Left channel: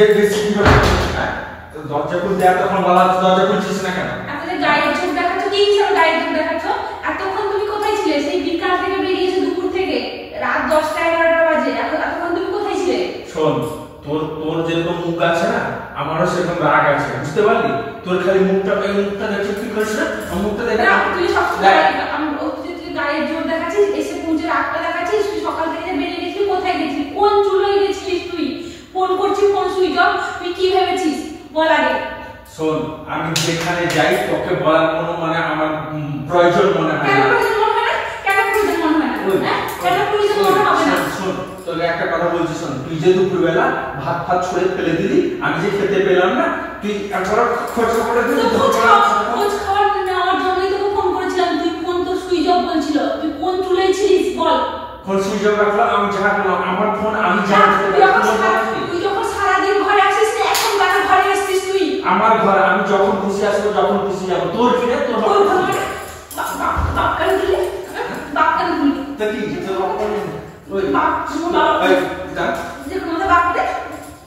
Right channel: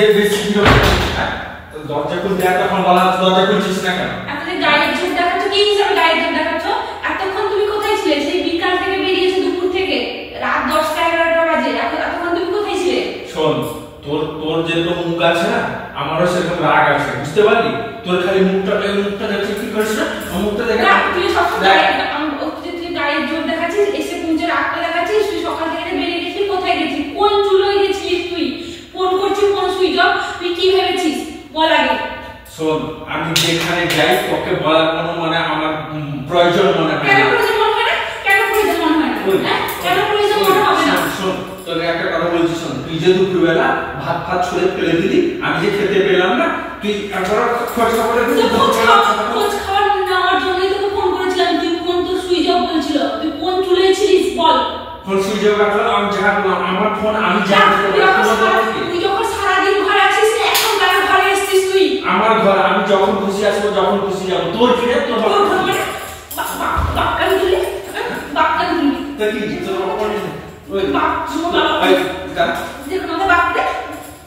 যে বেশি কি হবে হ্যাঁ দরজা খুলে দেয়া তখন বলা দরজা খুলছিস না কেন আপনাদের গায়ের জোর দেখাচ্ছ কি হিসাবে গায়ের জোর দেখাচ্ছ এতক্ষণ তুমি কোথায় ছিলে সেই বিকাল থেকে বেরিয়েছো দুপুর থেকে রাত 10টা 11টা বাজে এতক্ষণ তুমি কোথায় ছিলে শোন তোর যেরকম মুখ আছে না আমারও সেরকম রাগ আছে বুঝতে পারলি তোর খালি মুখটা দেখে কি করিস না মুখটা দেখে না তুই সবসময় তুই গায়ের জোর দেখাচ্ছিস এসে পুঁজে রাগটা দেখাচ্ছিস তুই সকাল থেকে বেরিয়ে গেছিস কোথায় গেছিস কোন চুলোয় গেছিস তুই ফোন করছিস কোন সুইচ অফ তুই কি ভেবেছিস বল আগে শোন আমি যেখানে যাই তোকে বলার কোনো মানে আমার প্রয়োজন মনে হয় কেন প্রয়োজন মনে হয় না কেন প্রয়োজন মনে হয় না হ্যাঁ কেন প্রয়োজন মনে হবে না শোন তোকে একটা কথা বলছি শোন তুই যে দুপুরবেলা ভাত ছুঁড়ে ফেলে দিলি আমি যে খেতে পেলাম না তুই একবার খোঁজ খবর দিলি খোঁজ খবর নেওয়ার জন্যই তোকে ফোন করেছিলাম তুই ফোন তো সুইচ অফ বলছিল তুই কোন চুলোয় ছিলিস বল ফোন সুইচ অফ রাখলাম আমি ঝাড়লাম আমার ফোন আমি তুই যখন সারাদিন ঘরে আছিস এখন কেন ঘরে আসছিস তুই আমার ঘর আমি যখন খুশি আসবো যখন খুশি যাবো তোর ফিরে তোর বাপকান তুলি তা কি তোর ফোন ওই বাপ ওই দেখো না বাপ দে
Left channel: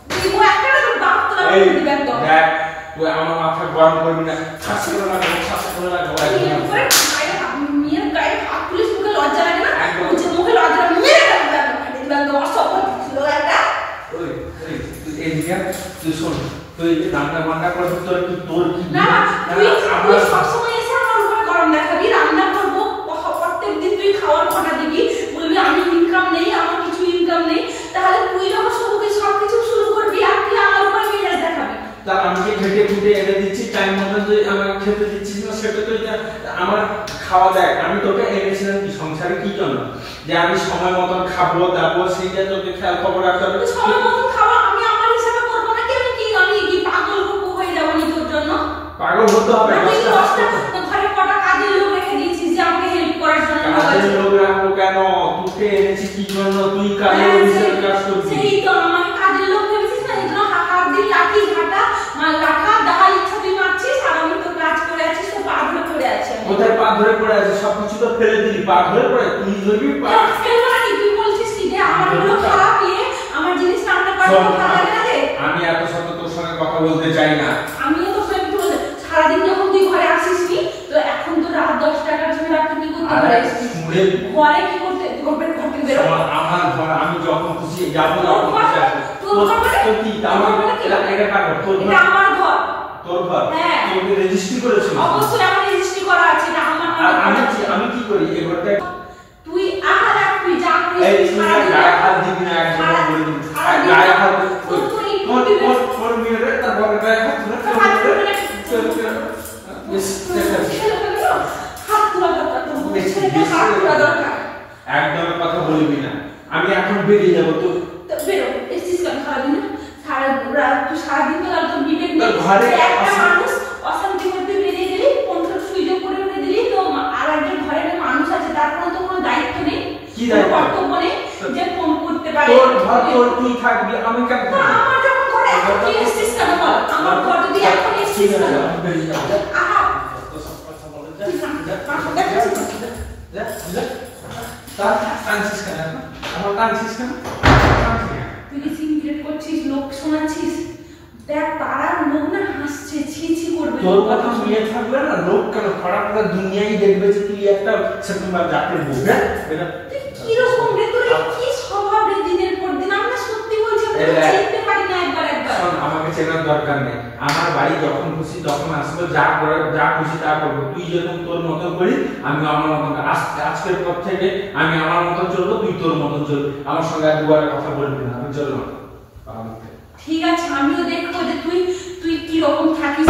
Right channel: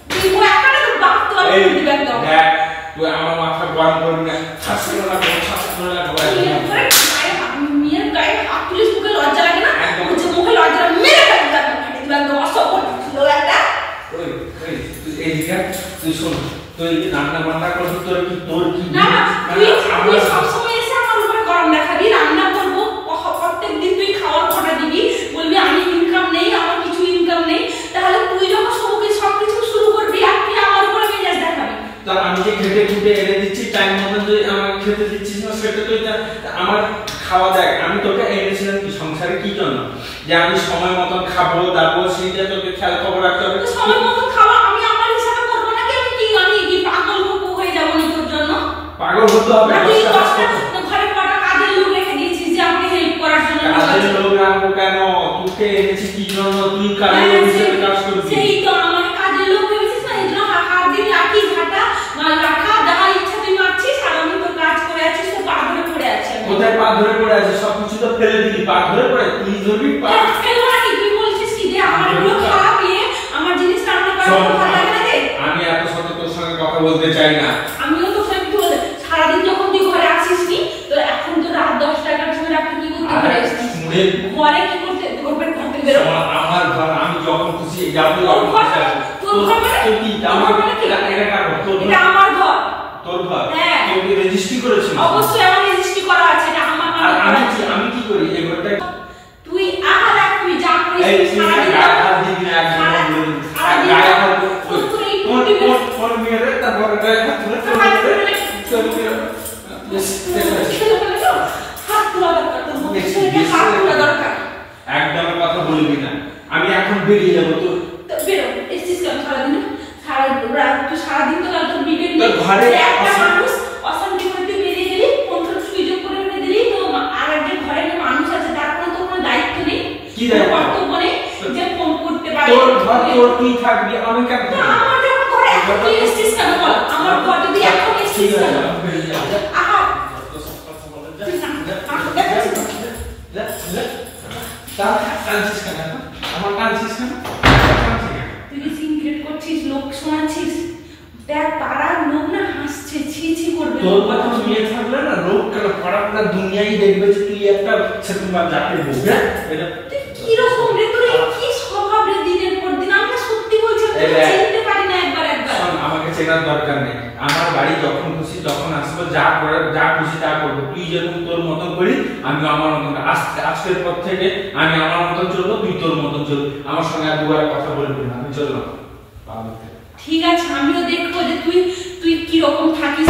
তুই ও একটা না বাপ তো আমি দিবি একদম দেখ তুই আমার মাথা গরম করবি না খাস করে না মেয়ের গায়ে হাত তুলিস মুখে লজ্জা লাগে না বলছে মুখে লজ্জা মেরে ফেলবে একদম একদম অসভ্য ছিল একটা ওই তুই এই দিকে তুই শোন তুই রান্না বান্না করবি তোর কি না তুই সব সময় এসে আমার উপর গরম দেখাবি রান্না করবো প্রত্যেকদিন তুই খাওয়ার খটা দিবি বলবি আমি ইনকাম নেই আমার কিছু ইনকাম নেই তাহলে তুই যখন সবকিছু শুরু করবি আর তুই আমার উপরে মেজাজ দেখাবি তা আমি যে খেটে এনে দিচ্ছি টাইম মতো যে আমাকে খেতে দিচ্ছিস না সেটা তো আমার খাওয়া দেখ আমি তোকে এনেছিলাম কি সংসারে কি জন্য যে আমি সময় মতন খাবো দাবো সেইটা তোকে খেয়াল খবর রাখতে হবে সময় মতন খাওয়া আমি আমার হিসাবে করবো না আমি কি পাগল হয়ে যাবো না তোর জন্য পাগল হতে হবে ঘরে কটা কাজের লোক রেখে দিয়েছিস যে আমাকে হেল্প করার জন্য কাজের লোক রাখবো কেন তোকে এনেছি কি জন্য তুই কাজের হিসেবে কাজ করবি সেই তো আমার কাজের লোক ভেবেছিস না এই জন্য হাত দিন লাঠি ঝাঁটা লাঠা যা ইচ্ছা তুই মারছিস আর আমি তো কাজ করে আছিস তো পা ধরে পড়ে আছি কোথায় পা ধরে পড়ে আছে সবকিছু তো ফেলে দিলি পা ধরে পড়ে তুই ধরবি পা ফেলবো না তুই বলছিস কি যে আমার গুলো খারাপ আমার জিনিস রান্না করা ভালো লাগে না রে আমি এত সত্য তোর সঙ্গে কথা বলতে চাই না আমিও তো সত্যি সারাদিন যখন তুই ঘরে আসিস নি তো এখন তো রাত 10টা 11টার সময় রাত কি করতে ঘরে আসছিস ঘরে কি করতে ঘর থেকে বেরো আমার ঘর আমি যখন খুশি যাবো তোর কি আমার এটা কার ঘর এটা আমার ঘর তোর ঘর হ্যাঁ তুই রেজিস্ট্রি করেছিস অবশ্যই আমি রেজিস্ট্রি করা আছে এটা আমার আমি কি করি এই ঘরটা তুই দেখ তুই যা করিস গায়ে হাত দিবি না একদম গায়ে হাত কোন মেয়েরে তারপর গায়ে হাত ধরে একদম কথা বলবি না আমি এখন বেরিয়ে যাবো তোর বেরো এসছিস কেন সারাদিন সারাদিন তো তোর বিবেক ঘরে একটা মানুষ অশান্তি করে তুই বেরিয়ে গেলি ফোনটা সুইচ অফ করে রেখে দিলি তো আর একজন ঘরে মানুষ আছে তার তো কোনো দায়িত্ব নেই কি দায়িত্ব কর্তব্য নেই যে ফোন করতে পারে তোর ঘর তোর তুই থাকবি আমি কেন থাকবো আমার যখন ঘরে এখন তুই এসছিস কেন বল আমার ঘর যদি এখন এসছিস কেন বেরিয়ে যাবো আহা তো সব কথা বলে যা কাঁদছিস কেন আমার কাঁদছিস কেন তুই সিক্রেট করছিস লোক শোনাচ্ছিস দেখ পাড়ার লোক না হাসছে ছি ছি করবে তোর কথা শুনে থাকলে না লোক কেন পাড়া দুনিয়াই দেখবে যে তুই একটা সেরকম জাতের বউ হ্যাঁ এটা কি রকম রে তোর কি স্বভাব রে দিনের পর দিন আমি সত্যি বলছি চিনতে পারি না একবার আমাকে চেনার দরকার নেই আমার বাড়ি যখন খুশি তখন আসবো যা খুশি তা করবো তুই যেরকম তোর মতন করি আমি আমার মতন আজকের পর থেকে আমি আমার মতন চলবো তুই তোর মতন চলবি আমার সঙ্গে আর দুবার কথা বলবি না আমি চললাম ঠিক আছে আমিও দেখবো যে তুই কি রকম থাকিস